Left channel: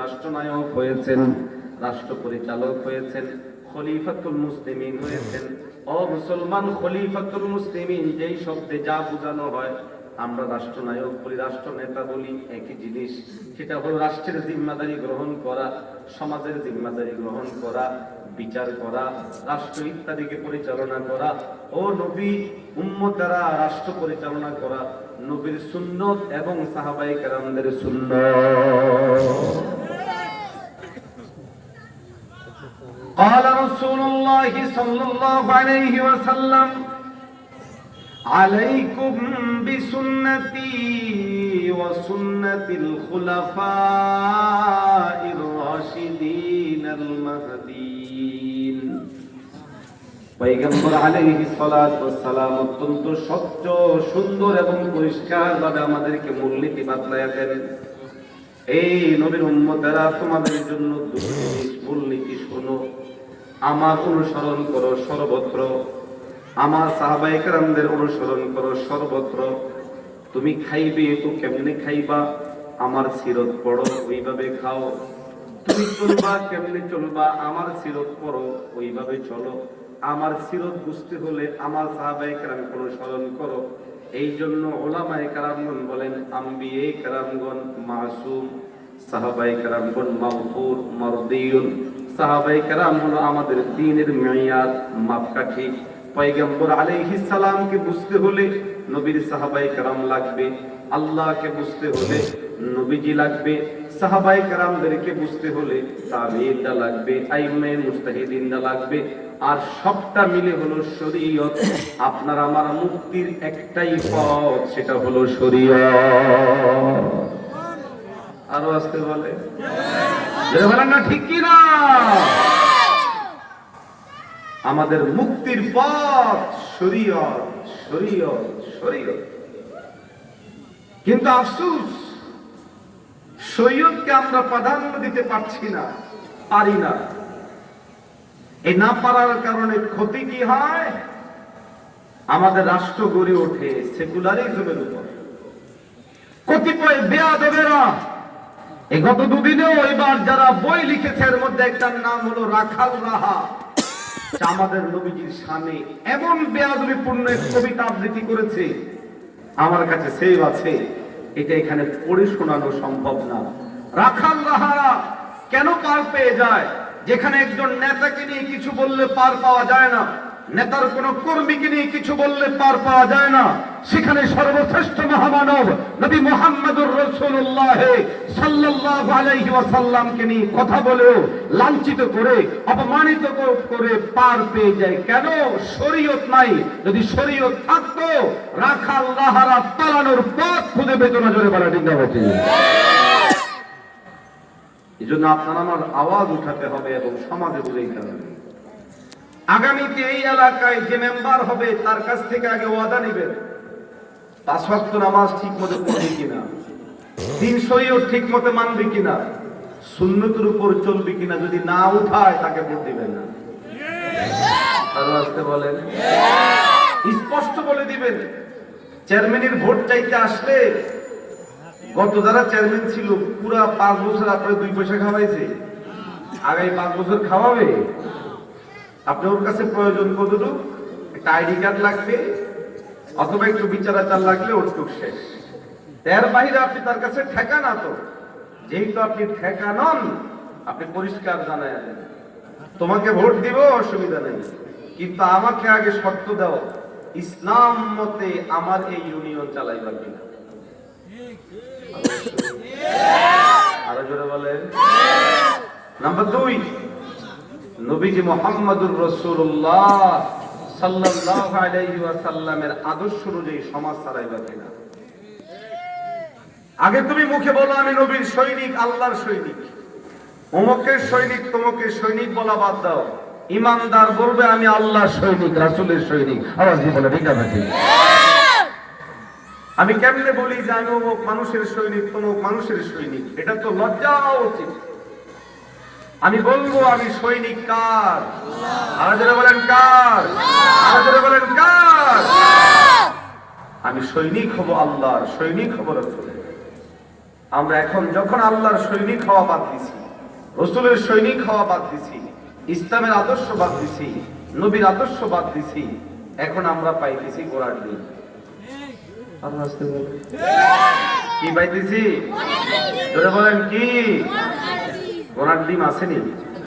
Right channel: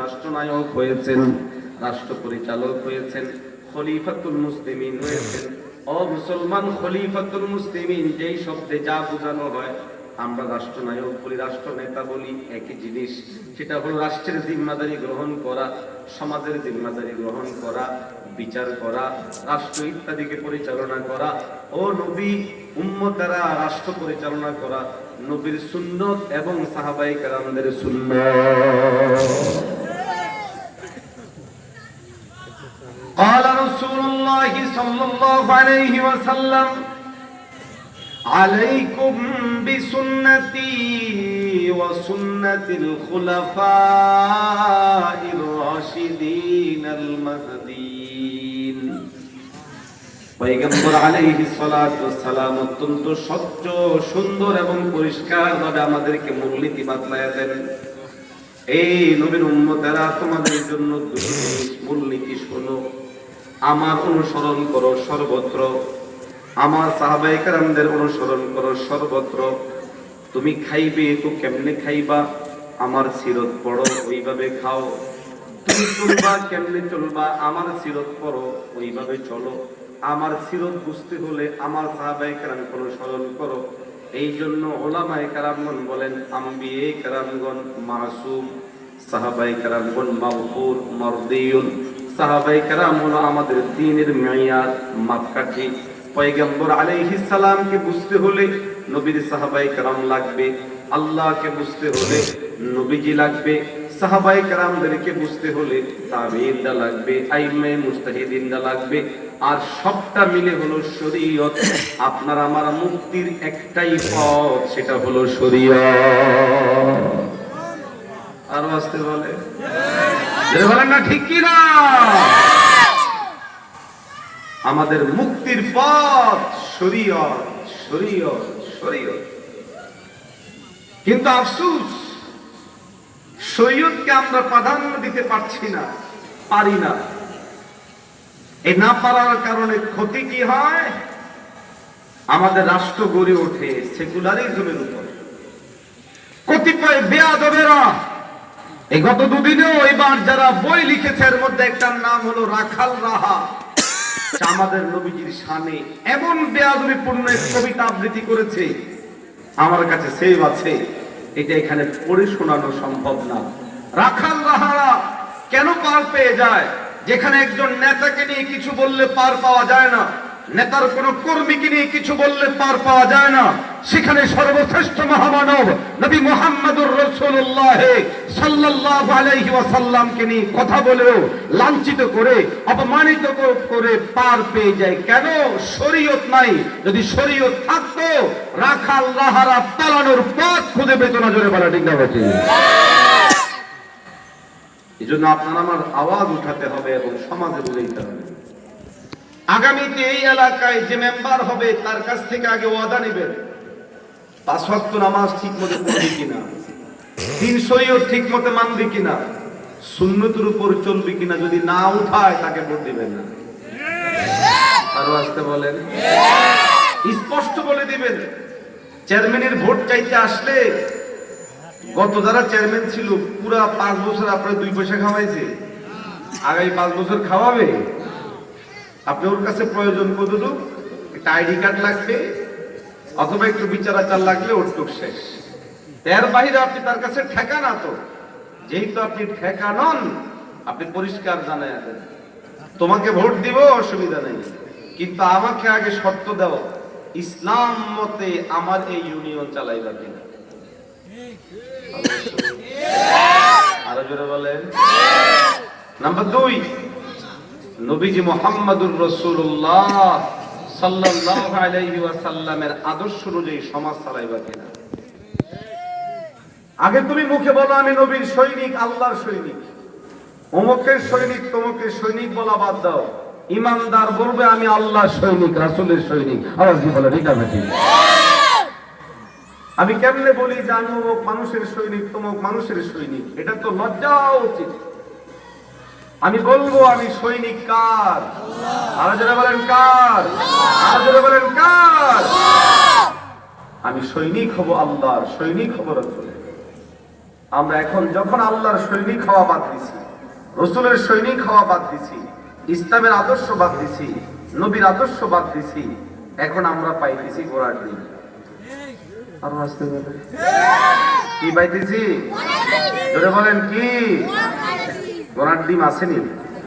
রাষ্ট্রনায়ক হয়েছেন, রাষ্ট্র পরিচালক হয়েছেন, খলিফাতুল মুসলিমিন হয়েছেন। ও মুসলমান, খলিফাতুল মুসলিমিন যেই শব্দে যা বোঝানো হয়, আমরা রাষ্ট্রনায়ক বলি, রাষ্ট্রনেতা বলি, একই জিনিস। সেটা হলো রাষ্ট্রের জিম্মাদারি গ্রহণ করা, সমাজের জিম্মাদারি গ্রহণ করা, বিচার করা, রাষ্ট্র ইত্যাদিকে পরিচালনা করা। ও নবী, উম্মতেরা রাষ্ট্র পরিচালনা করা নবীর সুন্নত এবং সাহাবায়ে কেরামদের সুন্নাত। قال رسول الله صلى الله عليه وسلم عليكم بسنتي وسنة الخلفاء الراشدين المهديين। পয়গম্বর আলাইহিস সালাতু ওয়াস সালাম অত্যন্ত স্বচ্ছ, সুন্দর এবং পরিষ্কার ভাবে আমাদেরকে মূলনীতি বাতলায়া দেন। এই নবীর উম্মতেরা, তোমাদের জন্য দুটি মূলনীতি শোনো। আমার অনুসরণ করো সর্বত্র, আমার সাহাবায়ে কেরামদের অনুসরণ করো সর্বত্র। তুমি খাইবে তো কেমনে খাইবা, আমার সিরত পড়ো, ওইভাবে খাও। তুমি চলবা কেমনে চলবা, আমার সিরত পড়ো, ওইভাবে চলো। আমার সিরত বুঝতে হলে আমার সাহাবায়ে কেরামকে অনুসরণ করো। এই জন্য উলামায়ে কেরামগণ বলেন, আম্বিয়ে কেরামগণ মাসুম, সাহাবায়ে কেরামগণ মাগফুর মারদিয়ুন। সাহাবায়ে কেরাম হলো আমাদের দ্বীনের মেয়াদ, মাপকাঠি। পয়গম্বর আলাইহিস সালামকে বুঝতে হলে নবীর সাহাবায়ে কেরাম লাগবে, আল্লাহকে বুঝতে হলে নবীজি লাগবে, সাহাবায়ে কেরামদেরকে বুঝতে হলে তাবেঈনরা লাগবে, আইম্মায়ে মুজতাহিদিনরা লাগবে। আর সবটা মিলে হলো শরীয়ত। আপনার আমার মুক্তির একটাই পথ, সেটা হলো শরীয়ত। আরো আসতে বলে বলেন না, ঠিক কি না? আমাদের মুক্তির পথ শরীয়ত, শরীয়ত, শরীয়ত। কিন্তু আফসোস, শরীয়তকে আমরা প্রাধান্য দিতে পারছি না, পারি না। এই না পারার কারণে ক্ষতি কি হয়? আমাদের রাষ্ট্র গড়ে ওঠে সেকুলারিজমের উপর। কতিপয় বেয়াদবেরা, এই গত দুদিনেও এবার যারা বই লিখেছে, এর মধ্যে একটার নাম হলো রাখাল রাহা, আমাদের নবীজির শানে এমন বেয়াদবিপূর্ণ এক কবিতা আবৃত্তি করেছে, আমার কাছে সেভ আছে, এটা এখানে পড়ে শোনানো সম্ভব না। রাখাল রাহারা কেন পার পেয়ে যায়? যেখানে একজন নেতাকে নিয়ে কিছু বললে পার পাওয়া যায় না, নেতার কোন কর্মীকে নিয়ে কিছু বললে পার পাওয়া যায় না, সেখানে সর্বশ্রেষ্ঠ মহামানব নবী মুহাম্মদুর রাসূলুল্লাহ সাল্লাল্লাহু আলাইহি ওয়াসাল্লামকে নিয়ে কথা বলেও লাঞ্ছিত করে, অপমানিত করে পার পেয়ে যায়। কেন? শরীয়ত নাই। যদি শরীয়ত থাকতো, রাখাল রাহারা পালানোর পথ খুঁজে পেত না। জোরে বলা ঠিক না বেঠিক? এই জন্য আপনার আমার আওয়াজ উঠাতে হবে এবং সমাজে বুঝাইতে হবে। আগামীতে এই এলাকায় যে মেম্বার হবে, তার কাছ থেকে আগে ওয়াদা নেবেন, 5 ওয়াক্ত নামাজ ঠিক মতো পড়বে কিনা, দিন শরীয়ত ঠিক মতো মানবে কিনা, সুন্নতের উপর চলবে কিনা। যদি না উঠায়, তাকে ভোট দিবেন না। আরো আসতে বলেন, স্পষ্ট বলে দিবেন। চেয়ারম্যানের ভোট চাইতে আসলে, গত যারা চেয়ারম্যান ছিল পুরা 5 বছর আপনার 2 পয়সা খাওয়াইছে, আগামী 5 বছর খাওয়াবে। আপনি ওর কাছে প্রয়োজন কতটুক? একটা আইডি কার্ড লাগবে, অথবা একটু বিচার আচার লাগলে ওটুক শেষ। এর বাহিরে আপনি তার কাছে ঠেকা না। তো যেহেতু আপনি ঠেকা নন, আপনি পরিষ্কার জানায় দেন, তোমাকে ভোট দিব, অসুবিধা নেই, কিন্তু আমাকে আগে শর্ত দাও, ইসলাম মতে আমার এই ইউনিয়ন চালাইবা কিনা। আরো জোরে বলেন। নাম্বার 2, নবীজি মুহাম্মদুর রাসূলুল্লাহ সাল্লাল্লাহু আলাইহি ওয়াসাল্লামের আদর্শ অনুযায়ী সমাজ চালাইবা কিনা। আগে তুমি মুখে বলো আমি নবীর সৈনিক, আল্লাহর সৈনিক। অমুকের সৈনিক, তমুকের সৈনিক বলা বাদ দাও। ইমানদার বলবে আমি আল্লাহর সৈনিক, রাসূলের সৈনিক। আওয়াজ দিয়ে বলো ঠিক আছে? ঠিক। আমি কেমনে বলি যে আমি অমুক মানুষের সৈনিক, তমুক মানুষের সৈনিক? এটা তো লজ্জা উচিত। আমি বলবো আমি সৈনিক কার? আরো যারা বলেন কার? আরো যারা বলেন কার? আমি সৈনিক হব আল্লাহর, সৈনিক হব রাসূলের। আমরা এখন যখন আল্লাহর সৈনিক হওয়া বাদ দিছি, রসুলের সৈনিক হওয়া বাদ দিছি, ইসলামের আদর্শ বাদ দিছি, নবীর আদর্শ বাদ দিছি, এখন আমরা পাইতেছি ঘোড়ার ডিম। আরো আসতে বলেন কি পাইতেছি? ধরে বলেন কি? ঘোড়ার ডিম আসেনি?